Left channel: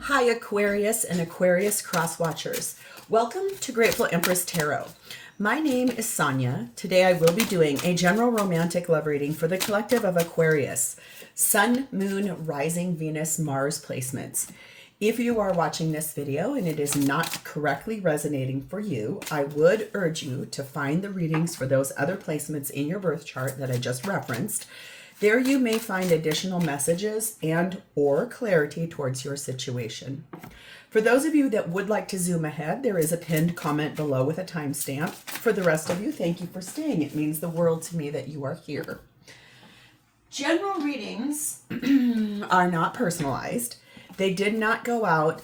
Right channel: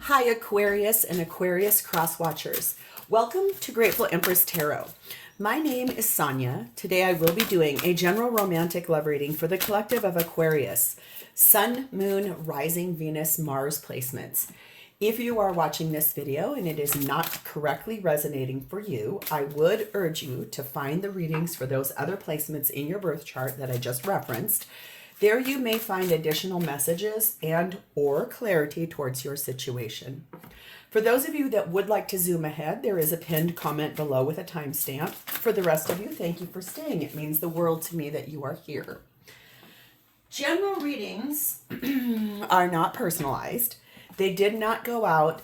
Hi, Aquarius and Aquarius cross-watchers. Welcome to Grateful Empress Tarot. My name is Sonia. Today I will be doing a general romantic love reading for the collective of Aquarius, Sun, Moon, Rising, Venus, Mars placements. If you are watching this video and it is not correctly resonating for you, I would urge you to find the readings for those other placements in your birth chart that I just referenced. There you may find additional messages and or clarity towards your situation. For those of you that would like to zoom ahead, there is a pinned comment below with a timestamp. For the rest of you, thank you for staying. It means the world to me that you are here. General readings are not personalized. They did not go out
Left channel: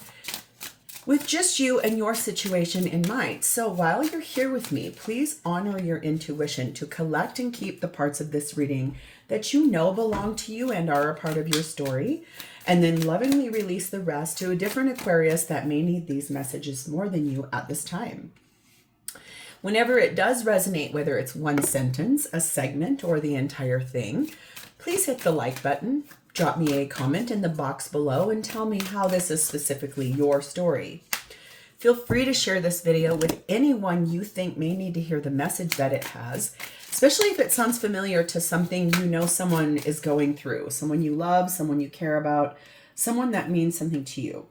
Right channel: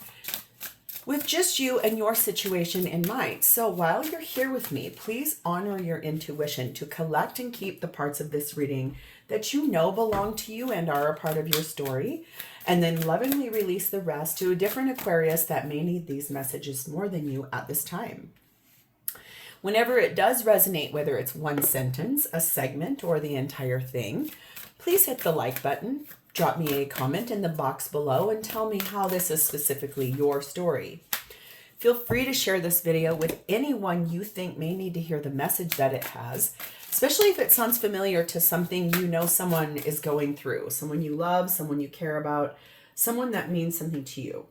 with just you and your situation in mind. So while you're here with me, please honor your intuition to collect and keep the parts of this reading that you know belong to you and are a part of your story, and then lovingly release the rest to a different Aquarius that may need these messages more than you at this time. Whenever it does resonate, whether it's one sentence, a segment, or the entire thing, please hit the like button, drop me a comment in the box below, and tell me how this is specifically your story. Feel free to share this video with anyone you think may need to hear the message that it has, especially if it sounds familiar to something you know someone is going through, someone you love, someone you care about, someone that means something to you.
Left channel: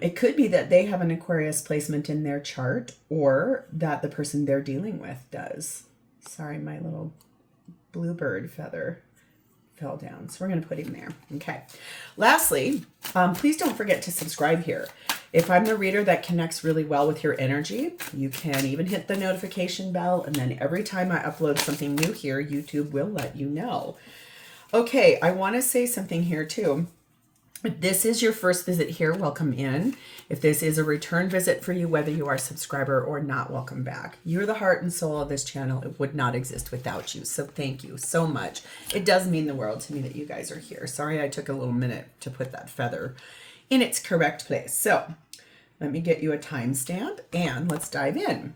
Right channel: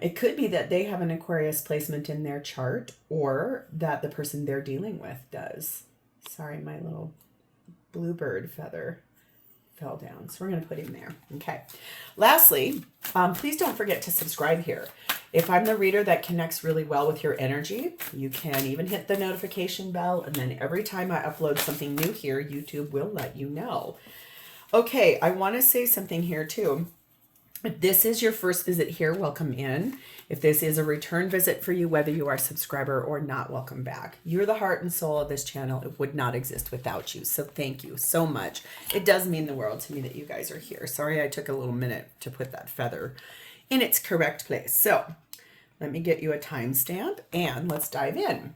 It could be that they have an Aquarius placement in their chart, or that the person they're dealing with does. Sorry, my little bluebird feather fell down, so we're going to put him there. Okay. Lastly, please don't forget to subscribe here. If I'm the reader that connects really well with your energy, you can even hit the notification bell, and then every time I upload something new here, YouTube will let you know. Okay, I want to say something here too. If this is your first visit here, welcome in. If this is a return visit for you, whether you are a subscriber or not, welcome back. You're the heart and soul of this channel. It would not exist without you. So thank you so much. It does mean the world to me that you guys are here. Sorry I took a little minute to put that feather in its correct place. So let me get you a timestamp and let's dive in.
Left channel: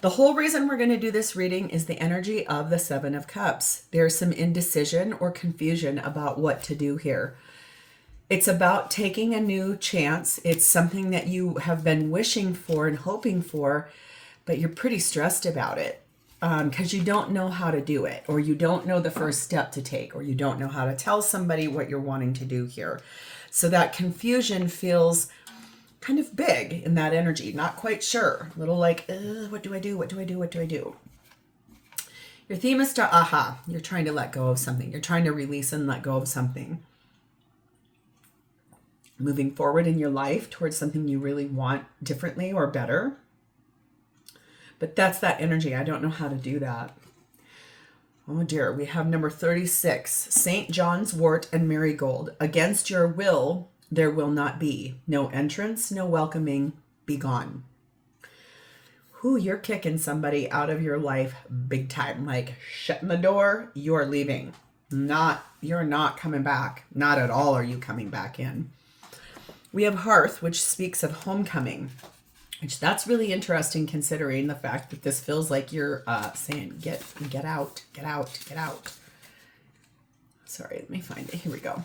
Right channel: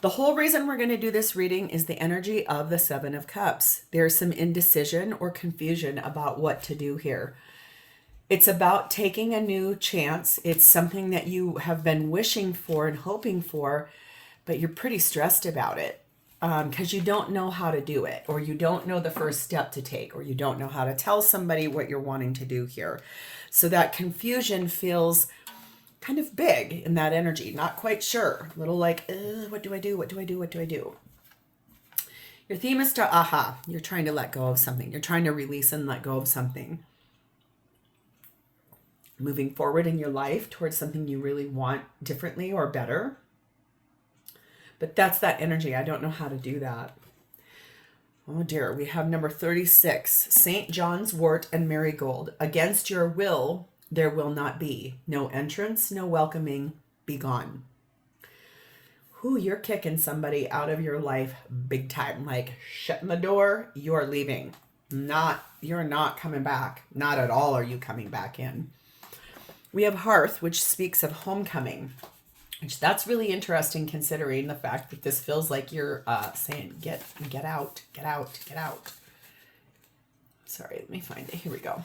The whole reason we're going to do this reading is the energy of the Seven of Cups. There's some indecision or confusion about what to do here. It's about taking a new chance. It's something that you have been wishing for and hoping for, but you're pretty stressed about it because you don't know how to do it, or you don't know the first step to take, or you don't know how to tell somebody what you're wanting to do here. So that confusion feels kind of big in that energy, not quite sure, a little like, what do I do? What do I do? What do I do? Your theme is to aha. You're trying to let go of something. You're trying to release and let go of something. Moving forward in your life towards something you really want differently or better. But that's that energy. I don't know how to do that. Oh dear, we have number 36, St. John's wort and marigold. Against your will, there will not be. No entrance, no welcoming, be gone. Whoo, you're kicking somebody out of your life big time. Like shutting the door, you're leaving. You're not coming back. Not at all are you coming back in. We have hearth, which speaks of homecoming, which that's really interesting considering the fact that this feels like you're saying, get out, get out, get out. Sorry, let me find it. Here we go.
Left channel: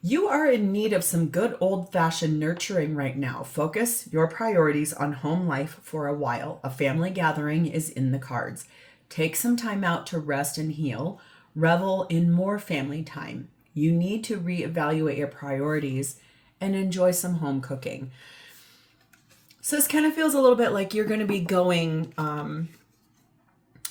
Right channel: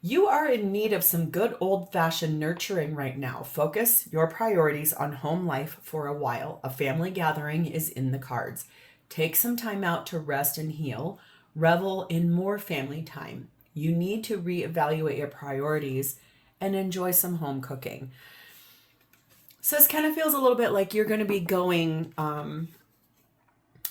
You are in need of some good old-fashioned nurturing right now. Focus your priorities on home life for a while. A family gathering is in the cards. Take some time out to rest and heal. Revel in more family time. You need to reevaluate your priorities and enjoy some home cooking. So this kind of feels a little bit like you're going to be going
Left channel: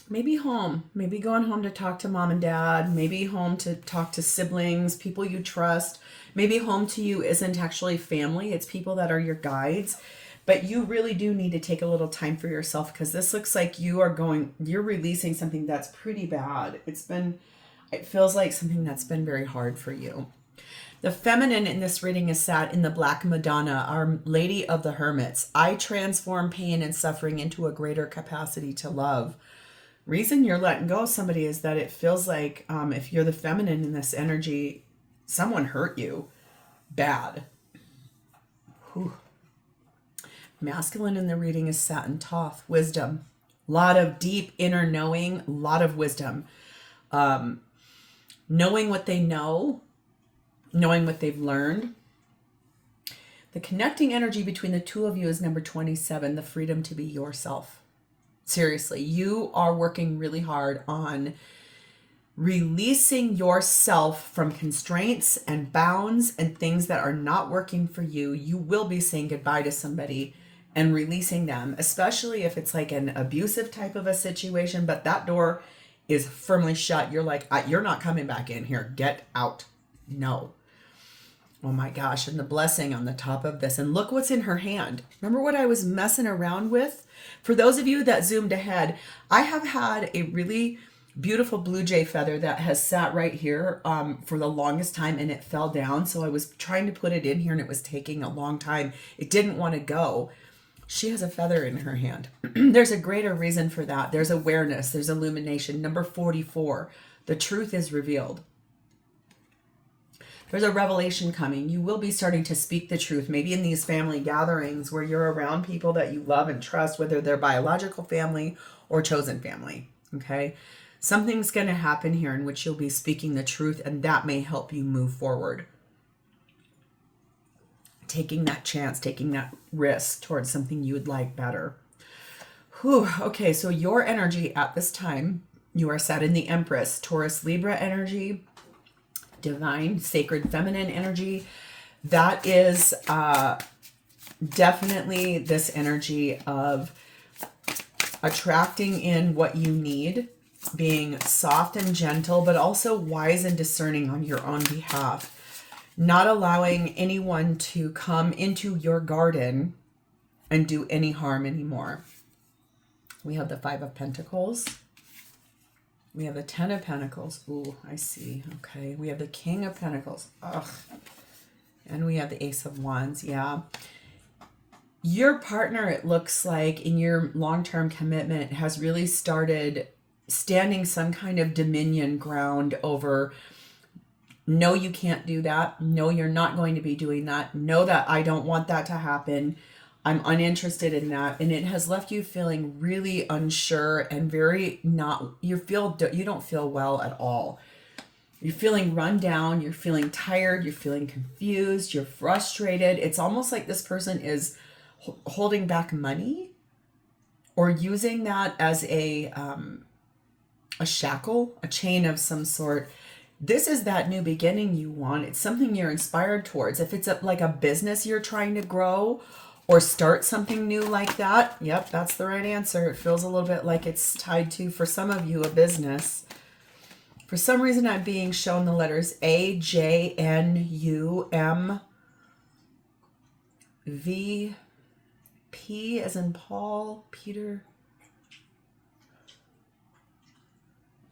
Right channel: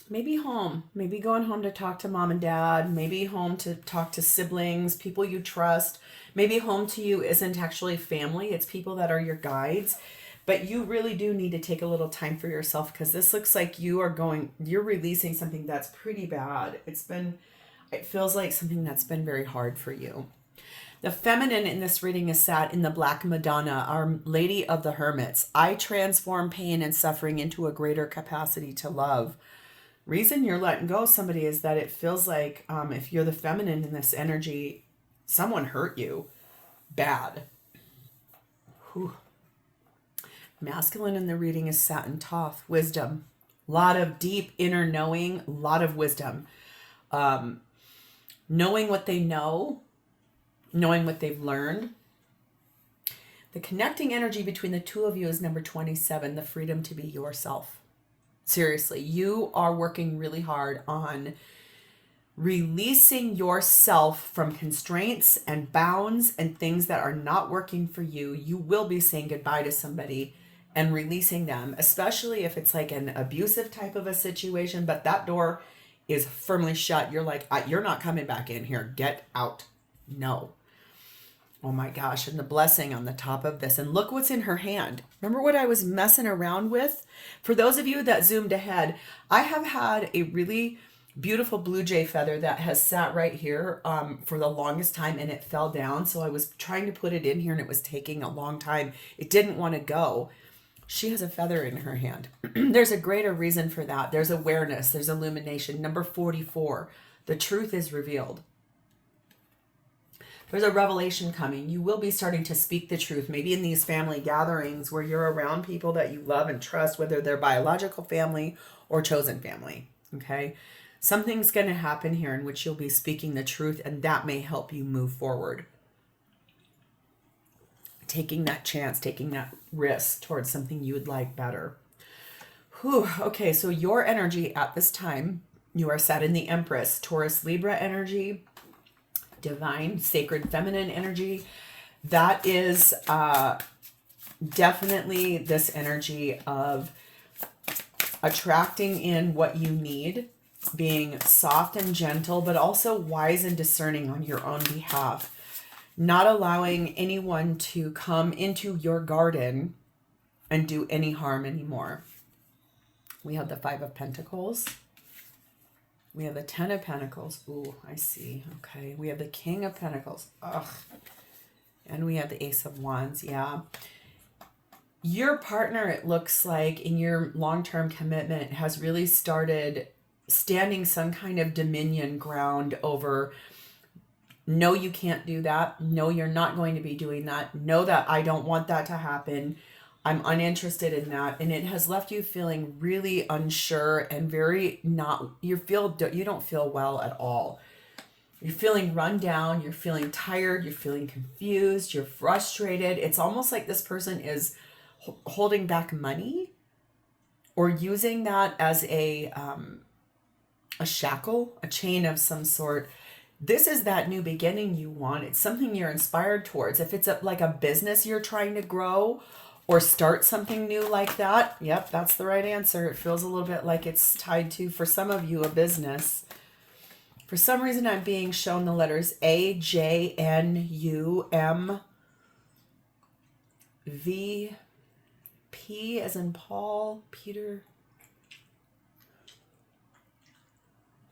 maybe home, maybe going home to talk to mom and dad, maybe home to talk to siblings, people you trust. Maybe home to you isn't actually family, it's people that are your guides. But you really do need to take a little time for yourself, because this looks like you're releasing something that's pretty bad. It feels like something that's been very hard for you. The feminine in this reading is sat in the Black Madonna, Our Lady of the Hermits. I transform pain and suffering into a greater capacity to love. Reason you're letting go of somebody is that it feels like if you're the feminine in this energy, someone hurt you bad. Whew. Masculine in the reading is Satin Toth, wisdom. A lot of deep inner knowing, a lot of wisdom. Knowing what they know knowing what they've learned. The connecting energy between the two of you is number 27, the freedom to be yourself. Seriously, you are working really hard on releasing yourself from constraints and bounds and things that are not working for you. You will be saying goodbye to somebody and releasing them, especially if it's like an abusive type of a situation, but that door is firmly shut. You're like, you're not coming back in here. Get out. No. Oh my gosh. And the blessing on the top of this. And look what's in her hand. Remember what I was messing around with? For those of you that zoomed ahead, I have had a really beautiful blue jay feather that has sat right here for the longest time, and it fell down. So I was trying to put it in here and it was taking a long time. It didn't want to go. She has a feather in her hand. There's a greater reason for that. There's awareness. There's illumination. Number 44, the truth is revealed. There's a revelation coming. You will be starting to speak the truth, maybe in these family gatherings where you're around people that you love and trust, whether they're biological family or chosen family, okay? Something's going to happen here in which you'll be speaking the truth, and that may help you move forward. Taking that chance, taking that risk towards something you would like better. Whew. Okay, so your energy at this time, you are set in the Empress, Taurus, Libra energy, divine, sacred, feminine energy. That is definitely this energy of attracting in what you need, being soft and gentle, but also wise and discerning on your own behalf. Not allowing anyone to come into your garden and do any harm anymore. We have the 5 of Pentacles. We have the 10 of Pentacles. Ooh, I see. Okay. We have the King of Pentacles. Ugh. And we have the Ace of Wands. Yeah. Your partner, it looks like, in your long-term commitment has really started standing some kind of dominion ground over, no, you can't do that. No, you're not going to be doing that. No, that I don't want that to happen. I'm uninterested in that. And it has left you feeling really unsure and very not, you don't feel well at all. You're feeling run down. You're feeling tired. You're feeling confused. You're frustrated. It's almost like this person is holding back money or using that as a shackle, a chain of some sort. This is that new beginning you want. It's something you're inspired towards. If it's like a business you're trying to grow or start something new like that, yep, that's the right answer. It feels a little bit like it's tied to, for some of you, a business. For some reason, I'm being shown the letters A, J, N, U, M, V, P as in Paul, Peter.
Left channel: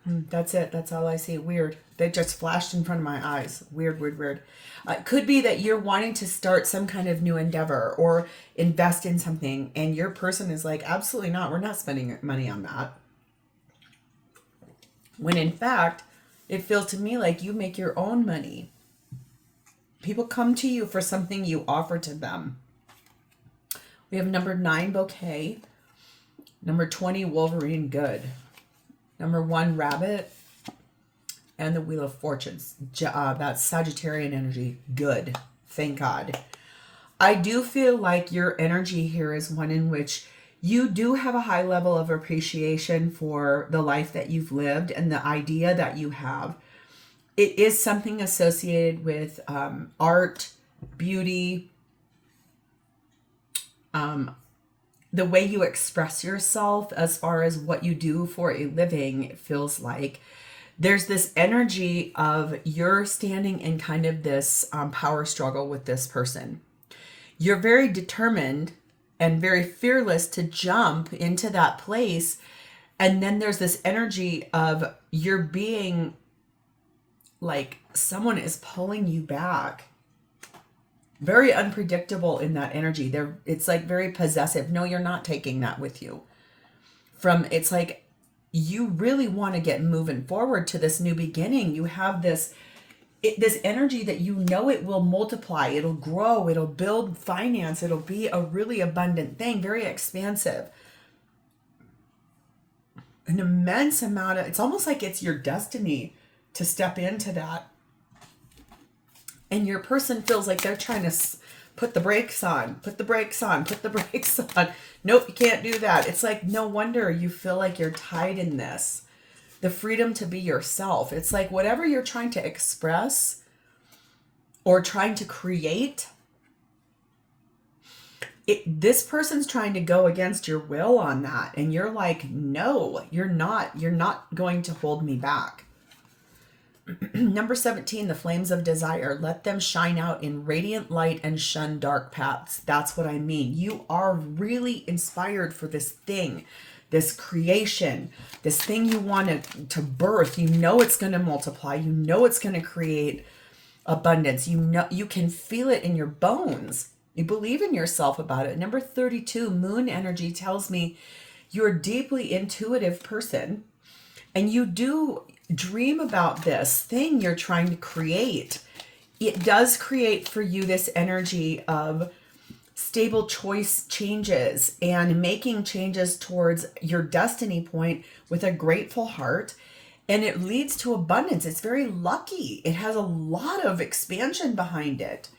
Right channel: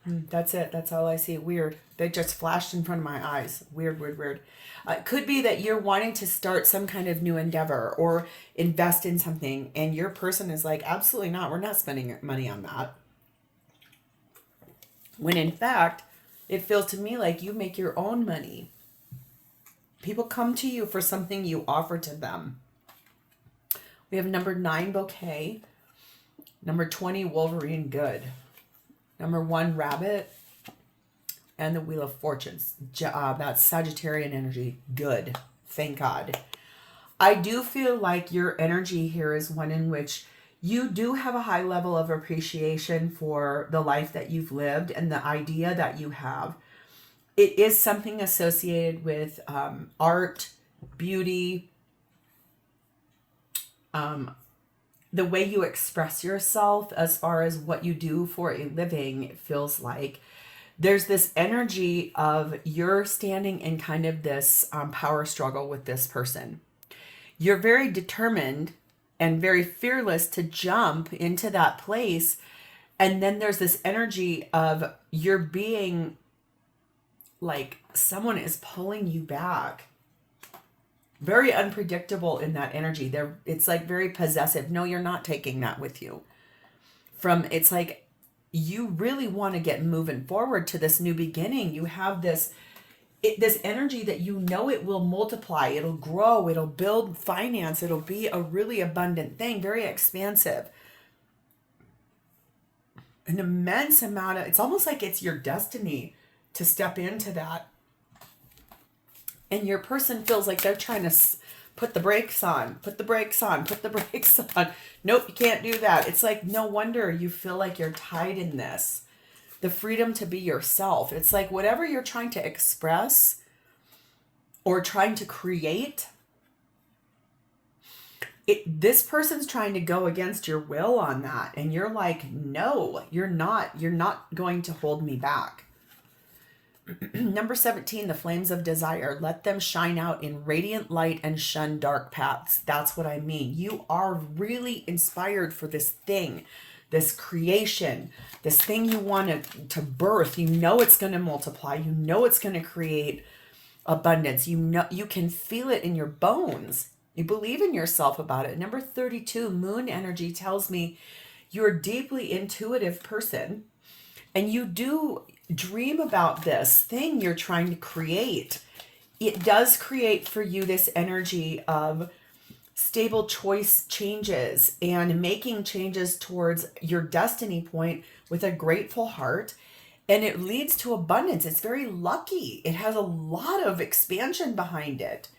That's it. That's all I see. Weird. They just flashed in front of my eyes. Weird, weird, weird. It could be that you're wanting to start some kind of new endeavor or invest in something, and your person is like, absolutely not. We're not spending money on that. When in fact, it feels to me like you make your own money. People come to you for something you offer to them. We have number 9, bouquet. Number 20, Wolverine, good. Number 1, rabbit. And the Wheel of Fortunes. That's Sagittarian energy. Good. Thank God. I do feel like your energy here is one in which you do have a high level of appreciation for the life that you've lived and the idea that you have. It is something associated with art, beauty, the way you express yourself as far as what you do for a living. It feels like there's this energy of you're standing in kind of this power struggle with this person. You're very determined and very fearless to jump into that place. And then there's this energy of you're being like someone is pulling you back. Very unpredictable in that energy. It's like very possessive. No, you're not taking that with you. It's like you really want to get moving forward to this new beginning. You have this energy that you know it will multiply, it'll grow, it'll build finance, it'll be a really abundant thing, very expansive. An immense amount of, it's almost like it's your destiny to step into that. And your person feels like they're trying to put the brakes on, put the brakes on, put the brakes on. Nope, you can't do that. It's like, no wonder you feel like you're tied in this. The freedom to be yourself. It's like whatever you're trying to express or trying to create, this person's trying to go against your will on that. And you're like, no, you're not going to hold me back. Number 17, the flames of desire. Let them shine out in radiant light and shun dark paths. That's what I mean. You are really inspired for this thing, this creation, this thing you want to birth. You know it's going to multiply. You know it's going to create abundance. You know, you can feel it in your bones. You believe in yourself about it. Number 32, moon energy tells me you're a deeply intuitive person, and you do dream about this thing you're trying to create. It does create for you this energy of stable choice changes and making changes towards your destiny point with a grateful heart. And it leads to abundance. It's very lucky. It has a lot of expansion behind it.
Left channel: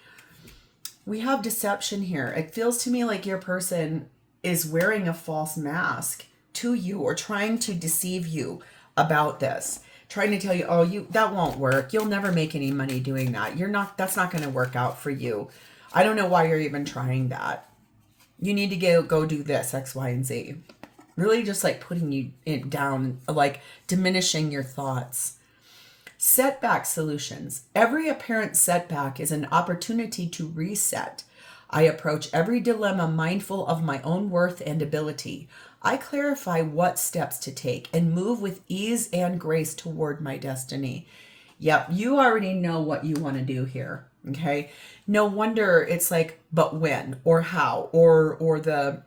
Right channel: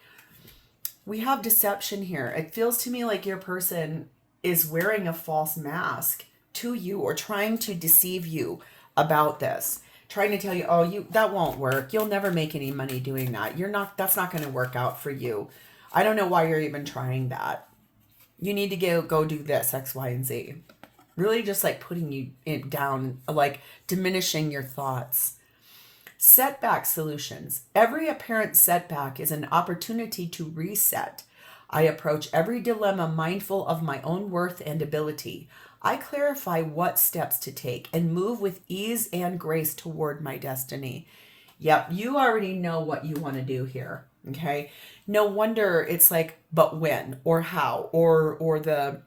We have deception here. It feels to me like your person is wearing a false mask to you or trying to deceive you about this. Trying to tell you, oh, that won't work. You'll never make any money doing that. That's not going to work out for you. I don't know why you're even trying that. You need to go do this, X, Y, and Z. Really just like putting you down, like diminishing your thoughts. Setback solutions. Every apparent setback is an opportunity to reset. I approach every dilemma mindful of my own worth and ability. I clarify what steps to take and move with ease and grace toward my destiny. Yep, you already know what you want to do here, okay? No wonder it's like, but when or how or the,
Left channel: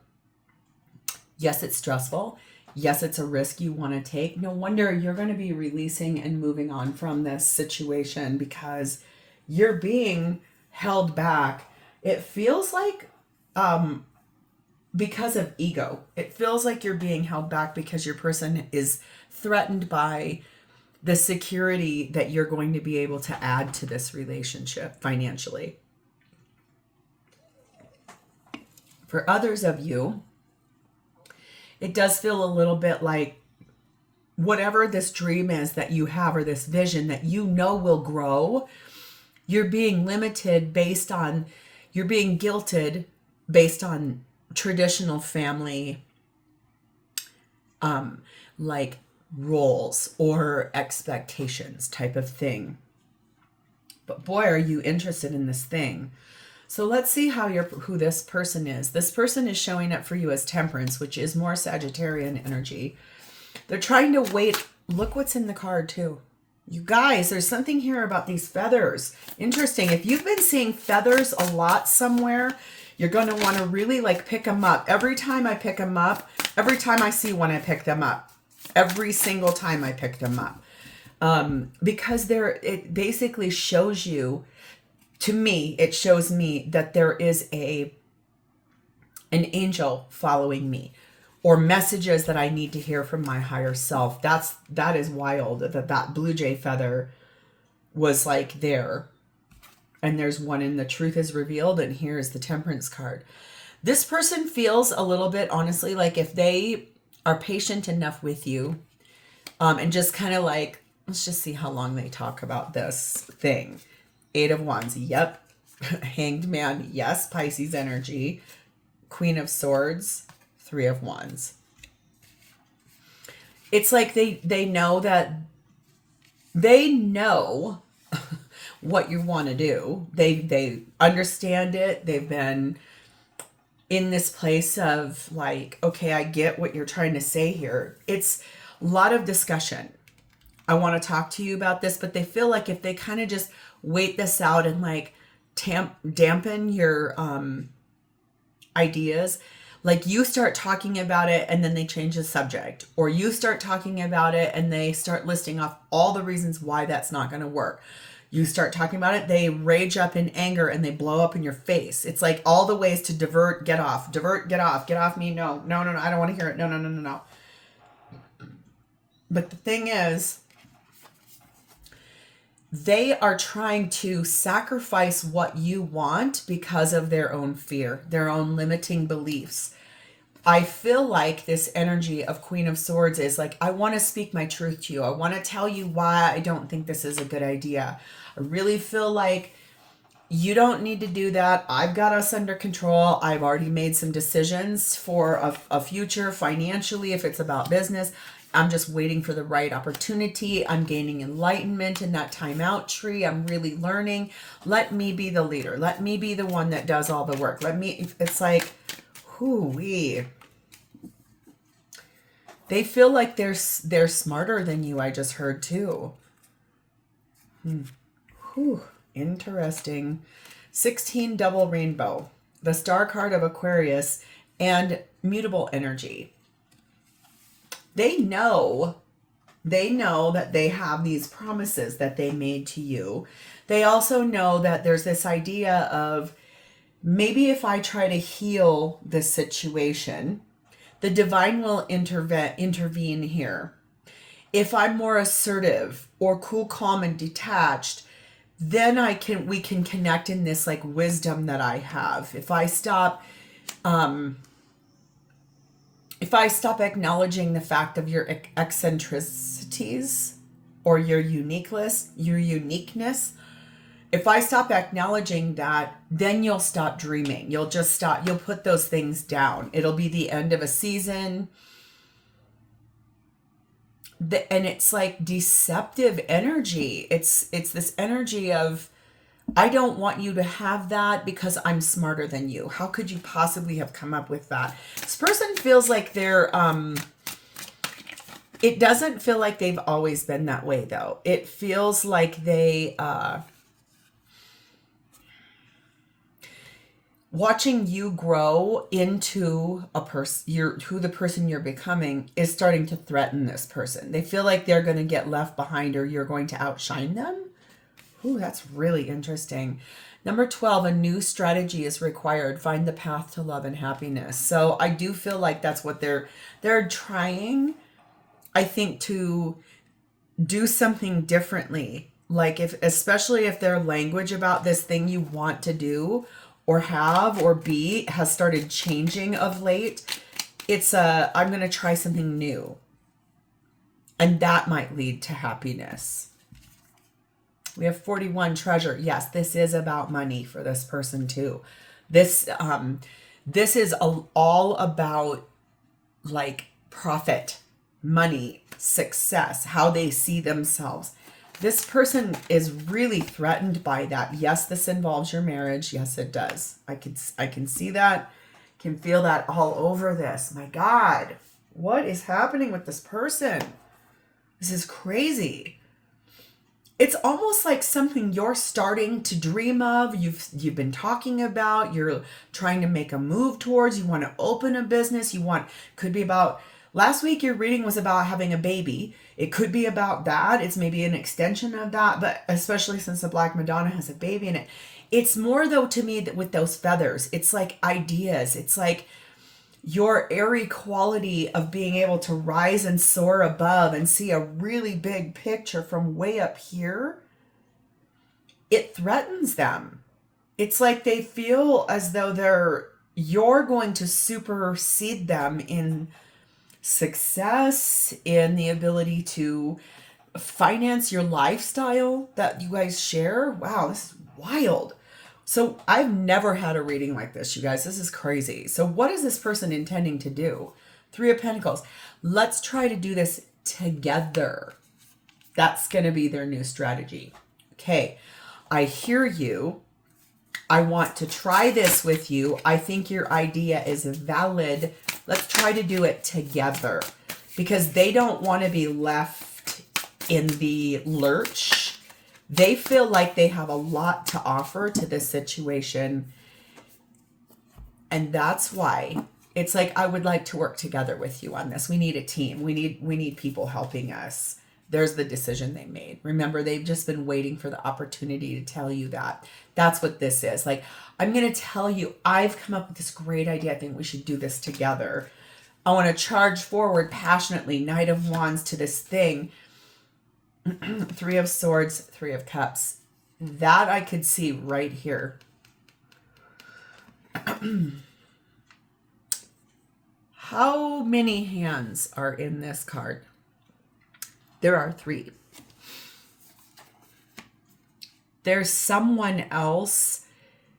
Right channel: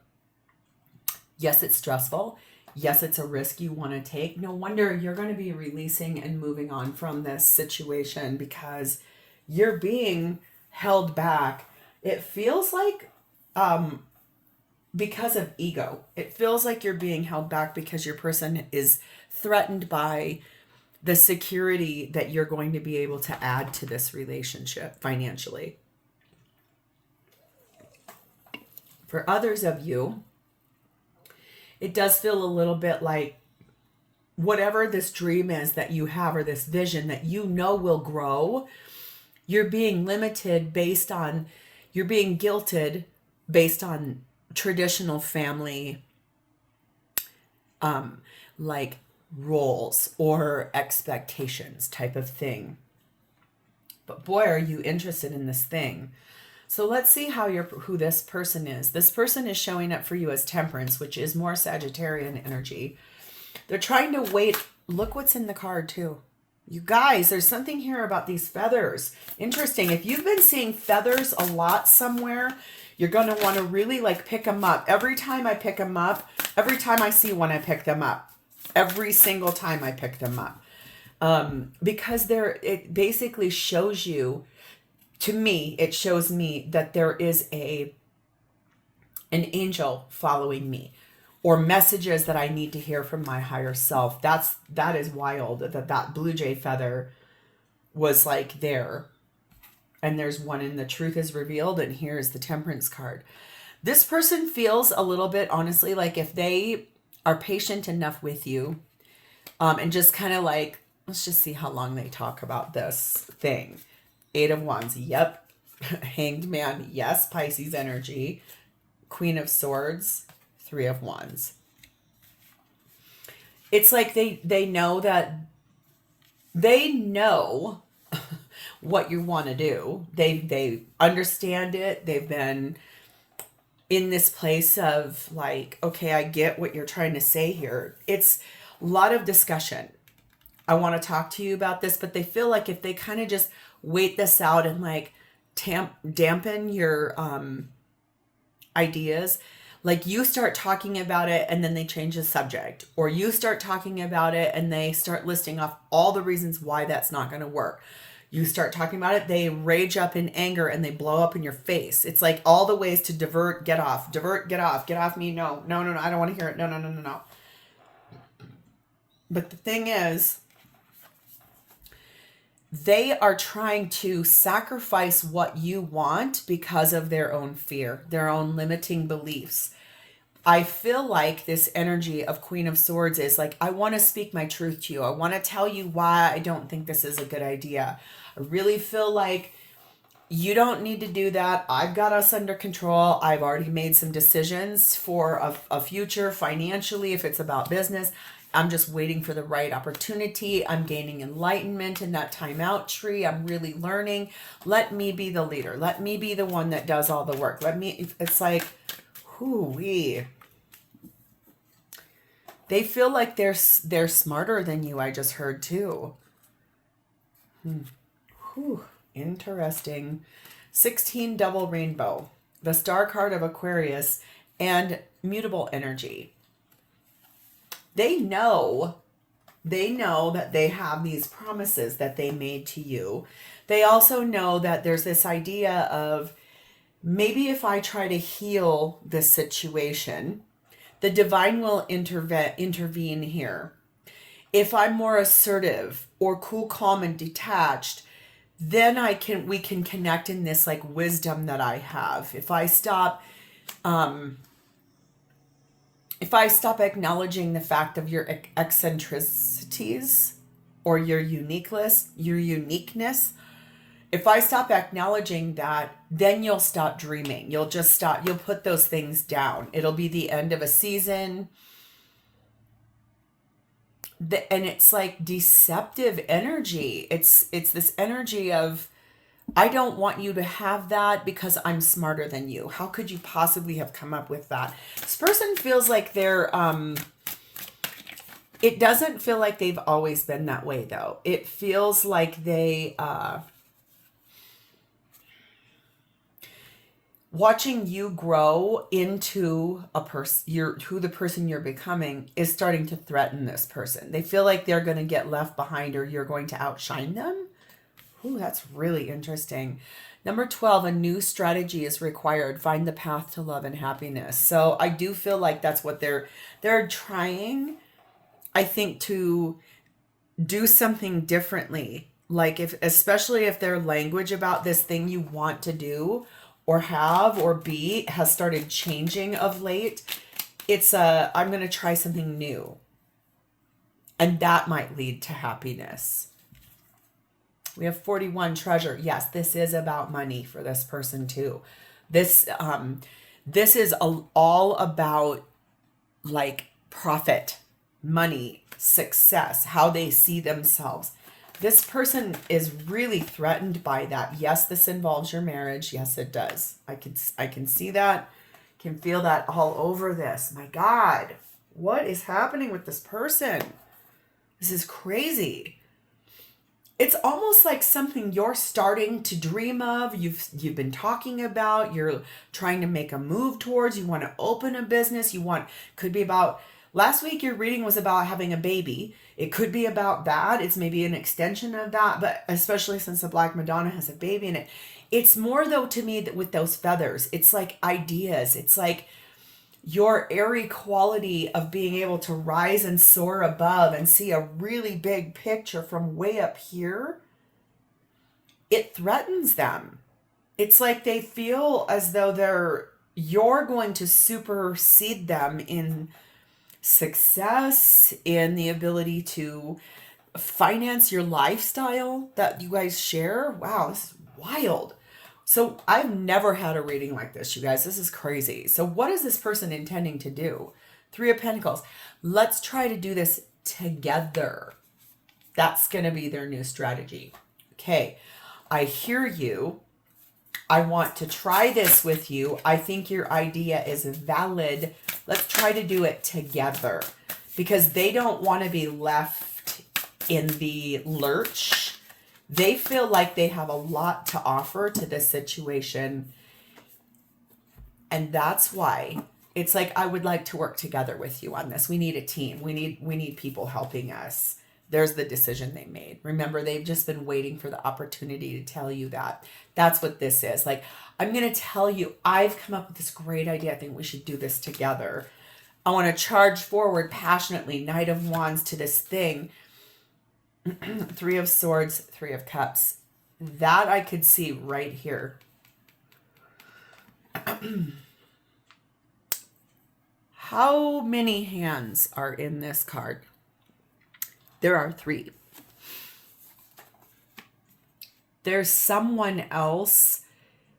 yes, it's stressful. Yes, it's a risk you want to take. No wonder you're going to be releasing and moving on from this situation because you're being held back. It feels like because of ego. It feels like you're being held back because your person is threatened by the security that you're going to be able to add to this relationship financially. For others of you, it does feel a little bit like whatever this dream is that you have or this vision that you know will grow, you're being limited based on, you're being guilted based on traditional family like roles or expectations type of thing. But boy, are you interested in this thing. So let's see who this person is. This person is showing up for you as Temperance, which is more Sagittarian energy. They're trying to wait. Look what's in the card too. You guys, there's something here about these feathers. Interesting. If you've been seeing feathers a lot somewhere, you're going to want to really like pick them up. Every time I pick them up, every time I see one, I pick them up. Every single time I pick them up. Because it basically shows you, to me, it shows me that there is an angel following me or messages that I need to hear from my higher self. That is wild that blue jay feather was like there. And there's one in the truth is revealed, and here's the Temperance card. This person feels a little bit, honestly, like if they are patient enough with you, and just kind of like, let's just see how long they talk about this thing. 8 of Wands, yep. Hanged Man, yes. Pisces energy. Queen of Swords, 3 of Wands. It's like they know that they know what you want to do. They understand it. They've been in this place of like, okay, I get what you're trying to say here. It's a lot of discussion. I want to talk to you about this, but they feel like if they kind of just wait this out and like dampen your ideas, like you start talking about it and then they change the subject, or you start talking about it and they start listing off all the reasons why that's not going to work. You start talking about it, they rage up in anger and they blow up in your face. It's like all the ways to divert, get off, divert, get off me. No, I don't want to hear it. No. But the thing is, they are trying to sacrifice what you want because of their own fear, their own limiting beliefs. I feel like this energy of Queen of Swords is like, I want to speak my truth to you. I want to tell you why I don't think this is a good idea. I really feel like you don't need to do that. I've got us under control. I've already made some decisions for a future financially, if it's about business. I'm just waiting for the right opportunity. I'm gaining enlightenment in that timeout tree. I'm really learning. Let me be the leader. Let me be the one that does all the work. It's like, whoo-wee. They feel like they're smarter than you, I just heard too. Whew. Interesting. 16 double rainbow, the star card of Aquarius, and mutable energy. They know that they have these promises that they made to you. They also know that there's this idea of, maybe if I try to heal this situation, the divine will intervene here. If I'm more assertive or cool, calm, and detached, then we can connect in this like wisdom that I have. If I stop acknowledging the fact of your eccentricities or your uniqueness, if I stop acknowledging that, then you'll stop dreaming. You'll put those things down. It'll be the end of a season. And it's like deceptive energy. It's this energy of, I don't want you to have that because I'm smarter than you. How could you possibly have come up with that? This person feels like they're, it doesn't feel like they've always been that way though. It feels like they, watching you grow into a person, who the person you're becoming is starting to threaten this person. They feel like they're going to get left behind or you're going to outshine them. Ooh, that's really interesting. Number 12, a new strategy is required. Find the path to love and happiness. So I do feel like that's what they're trying, I think, to do something differently. Like especially if their language about this thing you want to do or have or be has started changing of late, I'm going to try something new. And that might lead to happiness. We have 41, treasure. Yes, this is about money for this person too. This is all about like profit, money, success, how they see themselves. This person is really threatened by that. Yes, this involves your marriage. Yes, it does. I can see that. Can feel that all over this. My God, what is happening with this person? This is crazy. It's almost like something you're starting to dream of. You've been talking about. You're trying to make a move towards. You want to open a business. Could be about. Last week your reading was about having a baby. It could be about that. It's maybe an extension of that, but especially since the Black Madonna has a baby in it. It's more though to me that with those feathers, it's like ideas. It's like your airy quality of being able to rise and soar above and see a really big picture from way up here. It threatens them. It's like they feel as though you're going to supersede them in success, in the ability to finance your lifestyle that you guys share. Wow, this is wild. So I've never had a reading like this, you guys. This is crazy. So what is this person intending to do? 3 of Pentacles. Let's try to do this together. That's going to be their new strategy. Okay, I hear you. I want to try this with you. I think your idea is valid. Let's try to do it together because they don't want to be left in the lurch. They feel like they have a lot to offer to this situation. And that's why it's like, I would like to work together with you on this. We need a team. We need people helping us. There's the decision they made. Remember, they've just been waiting for the opportunity to tell you that. That's what this is. Like, I'm going to tell you, I've come up with this great idea. I think we should do this together. I want to charge forward passionately, Knight of Wands, to this thing. Three of Swords, Three of Cups. That I could see right here. How many hands are in this card? There are 3. There's someone else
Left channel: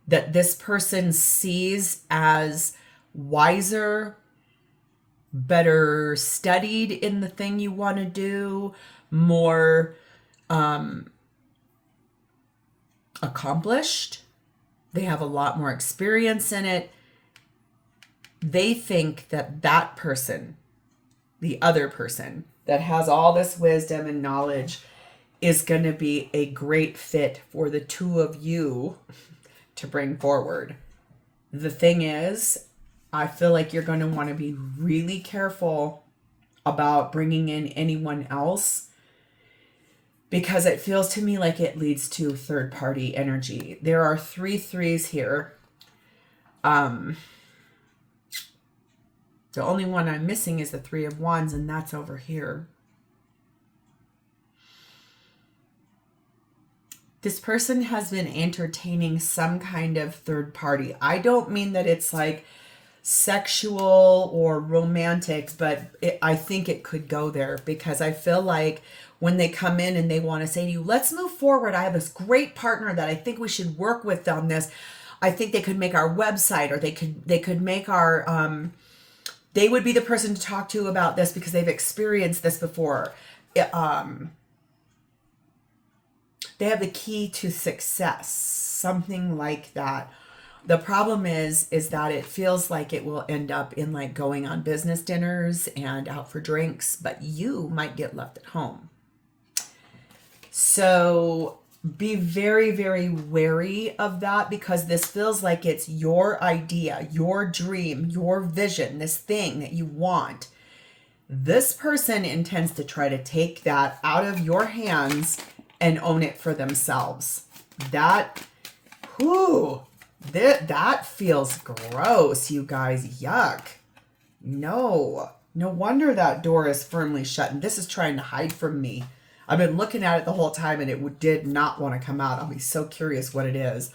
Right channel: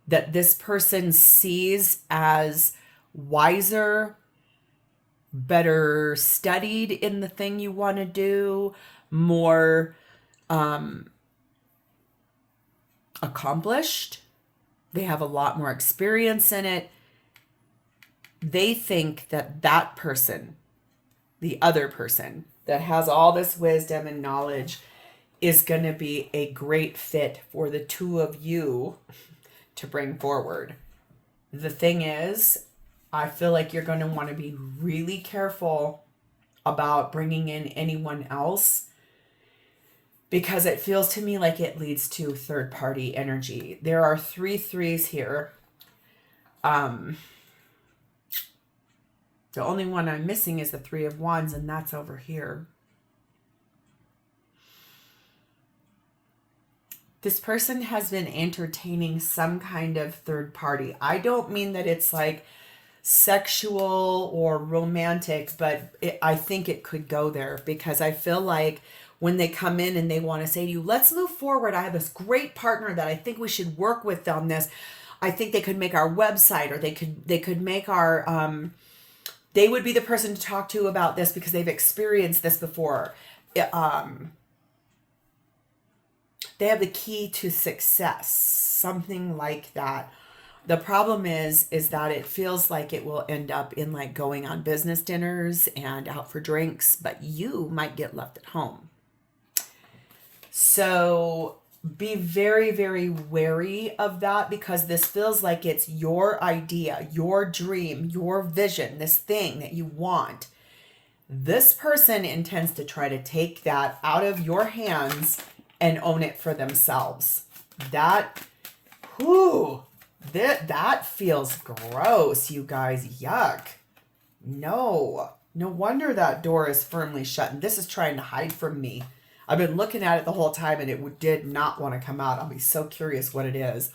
that this person sees as wiser, better studied in the thing you want to do, more accomplished. They have a lot more experience in it. They think that that person, the other person that has all this wisdom and knowledge, is going to be a great fit for the two of you to bring forward. The thing is, I feel like you're going to want to be really careful about bringing in anyone else, because it feels to me like it leads to third party energy. There are 3 threes here. The only one I'm missing is the 3 of Wands, and that's over here. This person has been entertaining some kind of third party. I don't mean that it's like sexual or romantic, but I think it could go there, because I feel like when they come in and they want to say to you, let's move forward, I have this great partner that I think we should work with on this. I think they could make our website, or they could make our, they would be the person to talk to about this because they've experienced this before. They have the key to success, something like that. The problem is that it feels like it will end up in like going on business dinners and out for drinks, but you might get left at home. So be very, very wary of that, because this feels like it's your idea, your dream, your vision, this thing that you want. This person intends to try to take that out of your hands and own it for themselves. That feels gross, you guys. Yuck. No wonder that door is firmly shut, and this is trying to hide from me. I've been looking at it the whole time, and it did not want to come out. I'll be so curious what it is.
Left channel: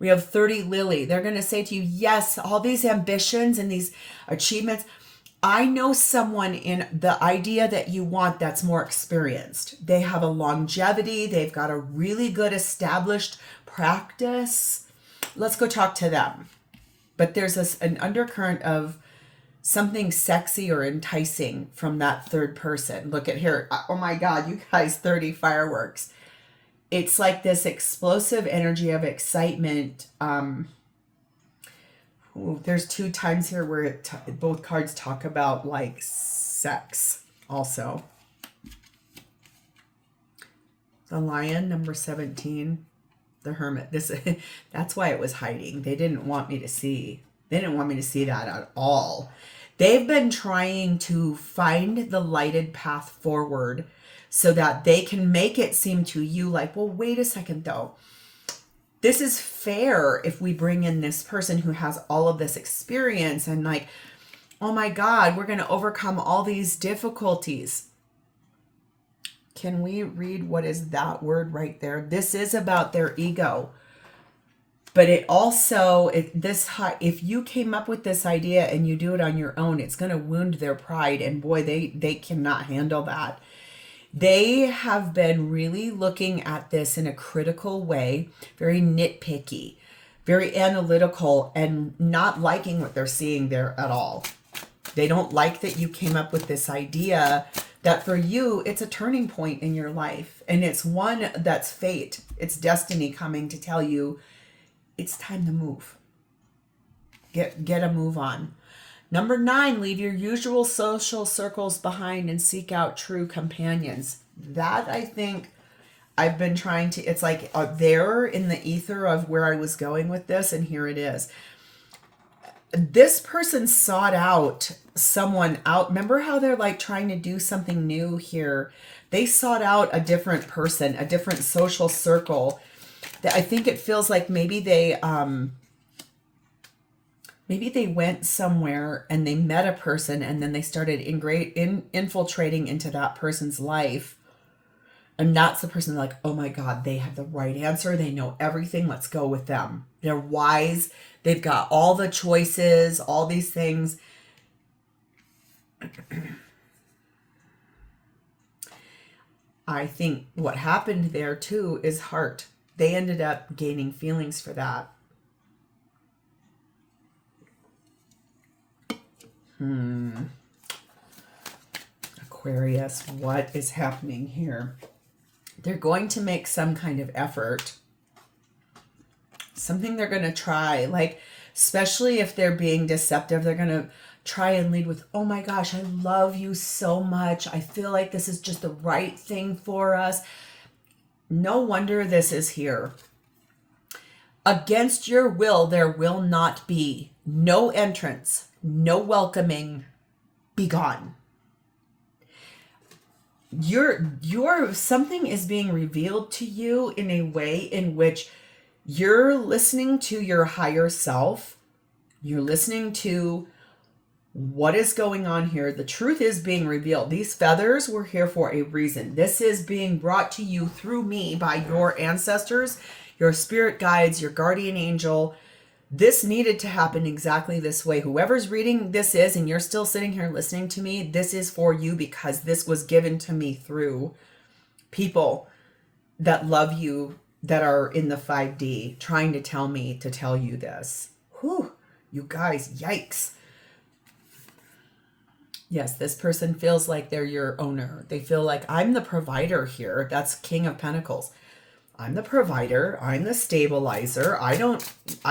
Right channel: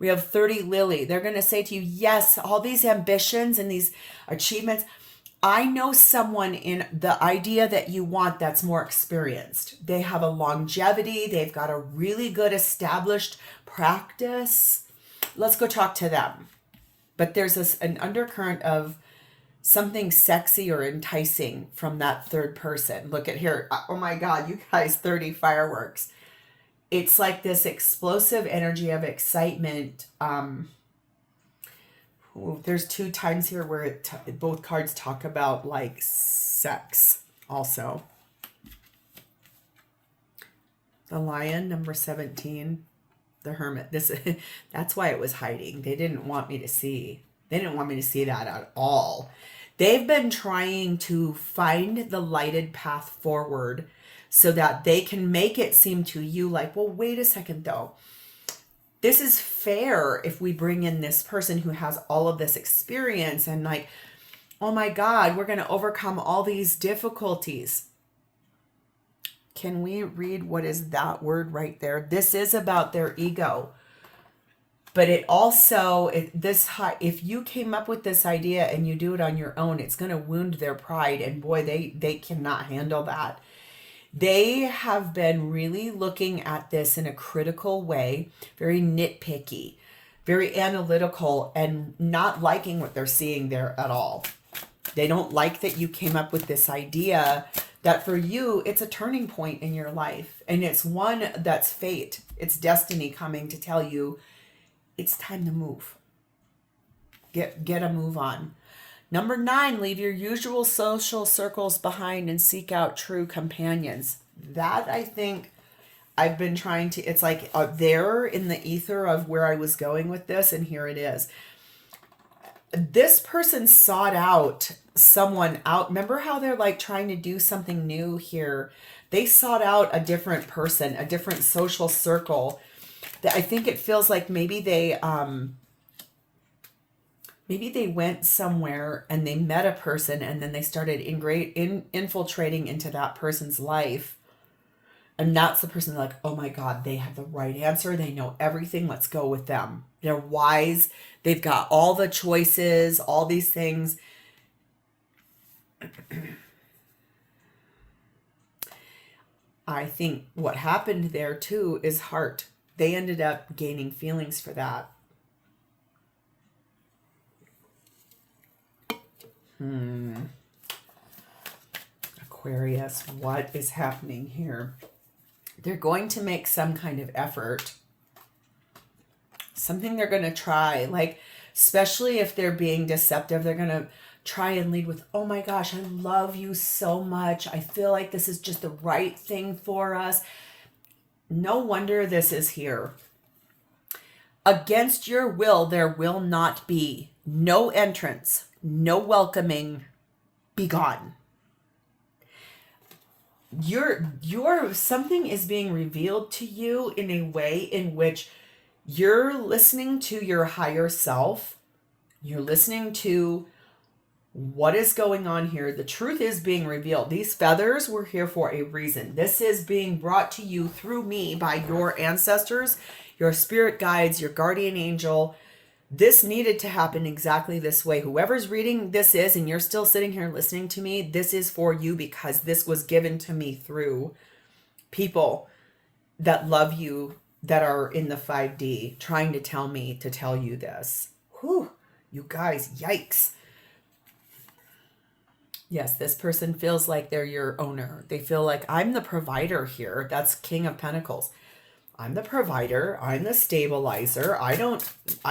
We have 30 Lily. They're going to say to you, yes, all these ambitions and these achievements. I know someone in the idea that you want that's more experienced. They have a longevity. They've got a really good established practice. Let's go talk to them. But there's an undercurrent of something sexy or enticing from that third person. Look at here. Oh my God, you guys, 30 fireworks. It's like this explosive energy of excitement. There's 2 times here where both cards talk about like sex also. The Lion, number 17. The Hermit. That's why it was hiding. They didn't want me to see. They didn't want me to see that at all. They've been trying to find the lighted path forward so that they can make it seem to you like, well, wait a second though. This is fair if we bring in this person who has all of this experience and like, oh my God, we're going to overcome all these difficulties. Can we read what is that word right there? This is about their ego. But it also, if you came up with this idea and you do it on your own, it's going to wound their pride. And boy, they cannot handle that. They have been really looking at this in a critical way, very nitpicky, very analytical, and not liking what they're seeing there at all. They don't like that you came up with this idea that for you, it's a turning point in your life. And it's one that's fate. It's destiny coming to tell you it's time to move. Get a move on. Number 9, leave your usual social circles behind and seek out true companions. That, I think, I've been trying to, it's like there in the ether of where I was going with this, and here it is. This person sought out someone out. Remember how they're like trying to do something new here? They sought out a different person, a different social circle. I think it feels like maybe they went somewhere and they met a person, and then they started infiltrating into that person's life. And that's the person like, oh my God, they have the right answer. They know everything. Let's go with them. They're wise. They've got all the choices, all these things. I think what happened there too is heart. They ended up gaining feelings for that. Aquarius, what is happening here? They're going to make some kind of effort. Something they're going to try. Like, especially if they're being deceptive, they're going to try and lead with, oh my gosh, I love you so much. I feel like this is just the right thing for us. No wonder this is here. Against your will, there will not be. No entrance, no welcoming. Be gone. Something is being revealed to you in a way in which you're listening to your higher self. You're listening to what is going on here. The truth is being revealed. These feathers were here for a reason. This is being brought to you through me by your ancestors, your spirit guides, your guardian angel. This needed to happen exactly this way. Whoever's reading this is, and you're still sitting here listening to me, this is for you because this was given to me through people that love you, that are in the 5D, trying to tell me to tell you this. Whew, you guys, yikes. Yes, this person feels like they're your owner. They feel like, I'm the provider here. That's King of Pentacles. I'm the provider. I'm the stabilizer. I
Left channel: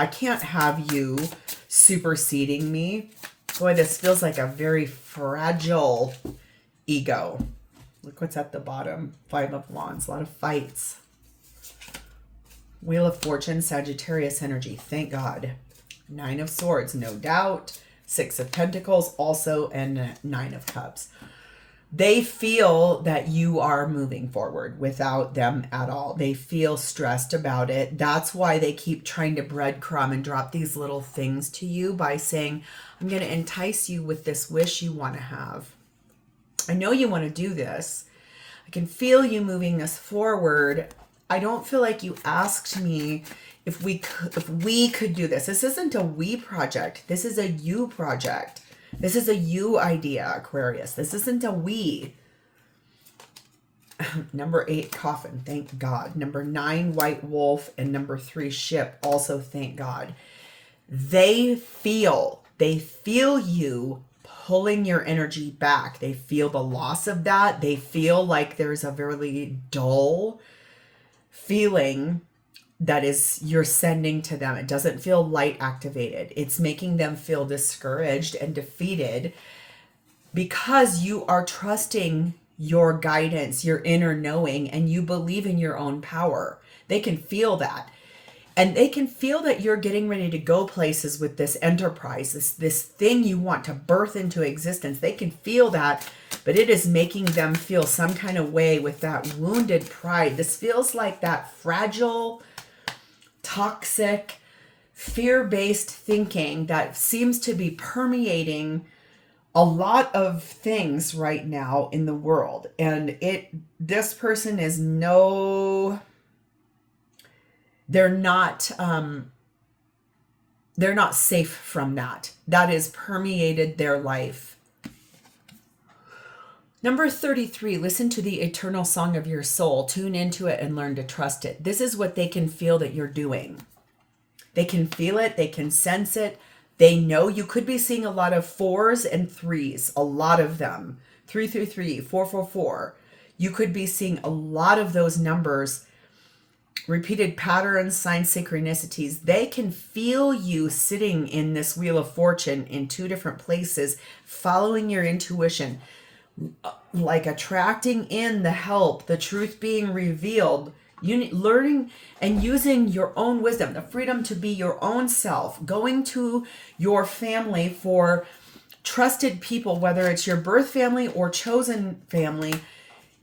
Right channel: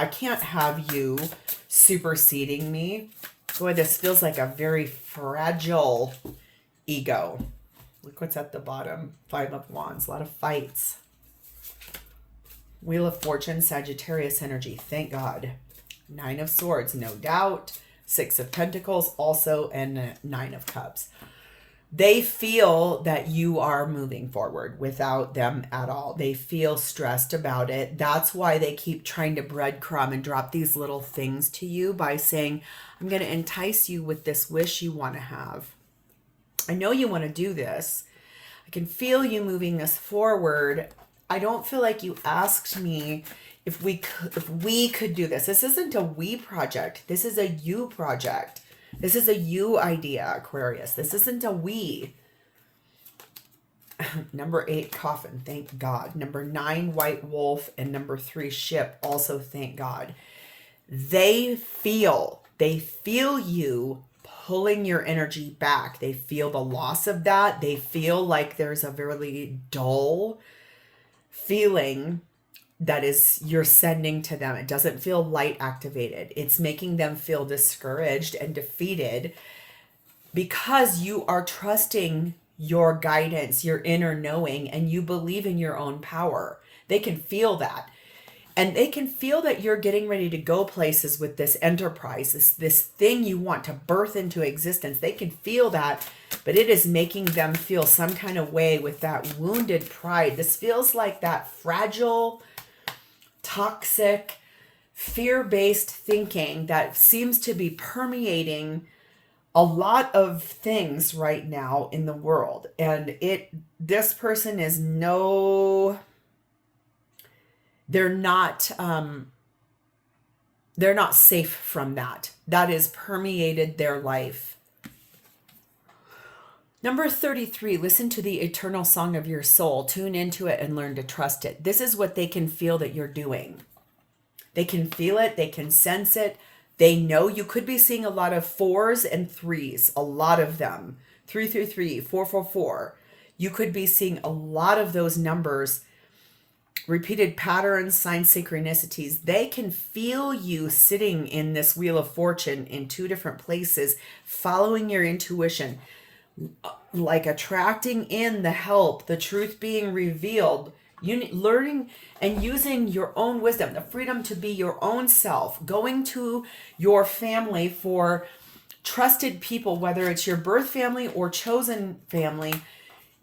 can't have you superseding me. Boy, this feels like a very fragile ego. Look what's at the bottom. 5 of Wands. A lot of fights. Wheel of Fortune, Sagittarius energy. Thank God. 9 of Swords, no doubt. 6 of Pentacles also, and 9 of Cups. They feel that you are moving forward without them at all. They feel stressed about it. That's why they keep trying to breadcrumb and drop these little things to you by saying, I'm going to entice you with this wish you want to have. I know you want to do this. I can feel you moving this forward. I don't feel like you asked me if we could do this. This isn't a we project. This is a you project. This is a you idea, Aquarius. This isn't a we. Number 8, coffin. Thank God. Number 9, white wolf. And number 3, ship. Also, thank God. They feel you pulling your energy back. They feel the loss of that. They feel like there's a really dull feeling that is you're sending to them. It doesn't feel light activated. It's making them feel discouraged and defeated because you are trusting your guidance, your inner knowing, and you believe in your own power. They can feel that. And they can feel that you're getting ready to go places with this enterprise, this thing you want to birth into existence. They can feel that, but it is making them feel some kind of way with that wounded pride. This feels like that fragile, toxic, fear-based thinking that seems to be permeating a lot of things right now in the world. And this person is they're not safe from that. That has permeated their life. Number 33, listen to the eternal song of your soul. Tune into it and learn to trust it. This is what they can feel that you're doing. They can feel it. They can sense it. They know you could be seeing a lot of 4s and 3s, a lot of them. 333, 444. You could be seeing a lot of those numbers, repeated patterns, signs, synchronicities. They can feel you sitting in this Wheel of Fortune in 2 different places, following your intuition, like attracting in the help, the truth being revealed, learning and using your own wisdom, the freedom to be your own self, going to your family for trusted people, whether it's your birth family or chosen family.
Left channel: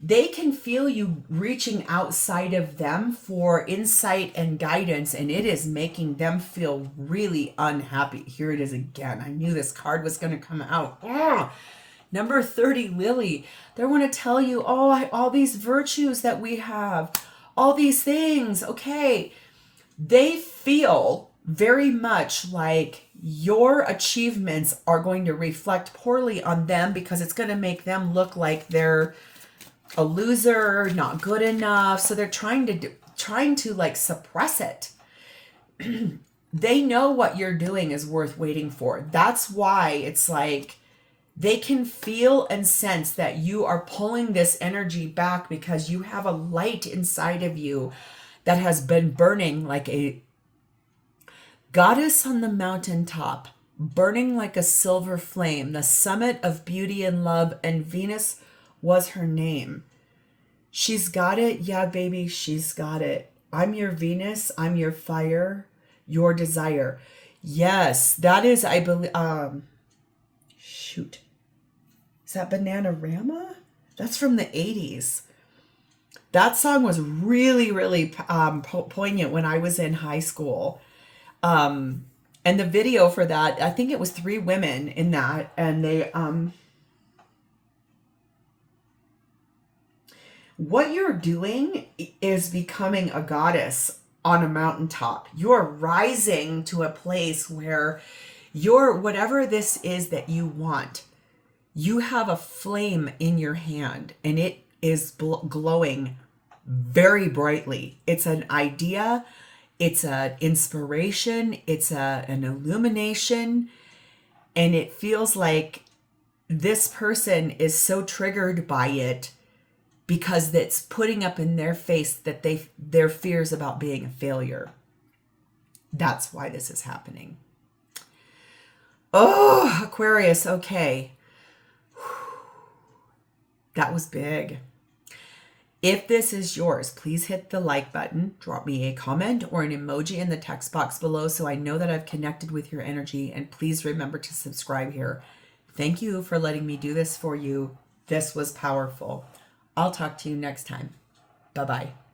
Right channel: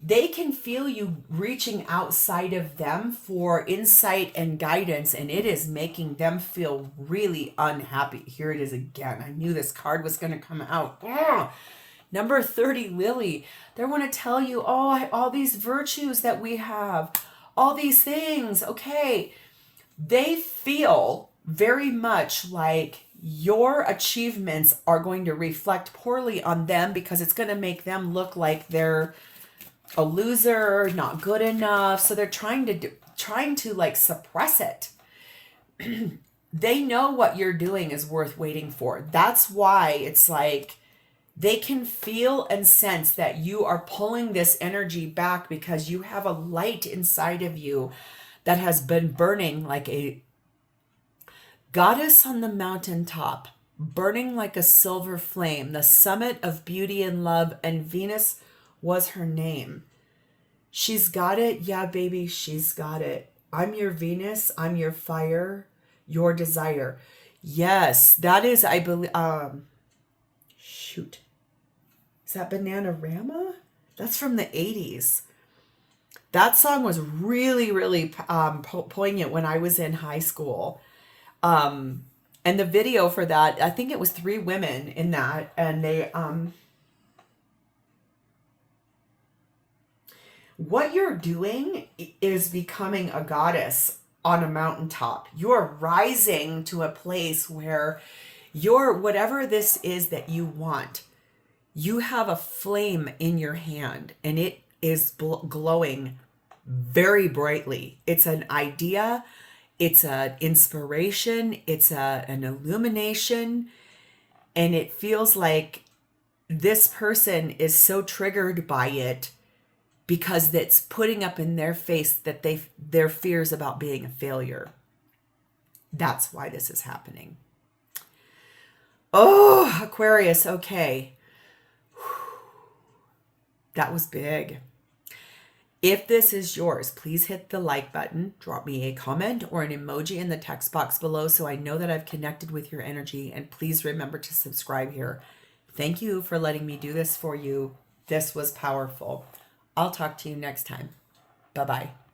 They can feel you reaching outside of them for insight and guidance, and it is making them feel really unhappy. Here it is again. I knew this card was going to come out. Ugh. Number 30, Lily. They want to tell you, oh, all these virtues that we have, all these things. Okay. They feel very much like your achievements are going to reflect poorly on them because it's going to make them look like they're a loser, not good enough. So they're trying to like suppress it. They know what you're doing is worth waiting for. That's why it's like they can feel and sense that you are pulling this energy back because you have a light inside of you that has been burning like a goddess on the mountaintop, burning like a silver flame, the summit of beauty and love, and Venus was her name. She's got it. Yeah, baby, she's got it. I'm your Venus. I'm your fire, your desire. Yes, that is, I believe, shoot. Is that Bananarama? That's from the 80s. That song was really, really poignant when I was in high school. And the video for that, I think it was 3 women in that, and they, what you're doing is becoming a goddess on a mountaintop. You're rising to a place where you're, whatever this is that you want, you have a flame in your hand and it is glowing very brightly. It's an idea. It's an inspiration. It's an illumination. And it feels like this person is so triggered by it because it's putting up in their face that their fears about being a failure. That's why this is happening. Oh, Aquarius. Okay. That was big. If this is yours, please hit the like button, drop me a comment or an emoji in the text box below so I know that I've connected with your energy, and please remember to subscribe here. Thank you for letting me do this for you. This was powerful. I'll talk to you next time. Bye-bye.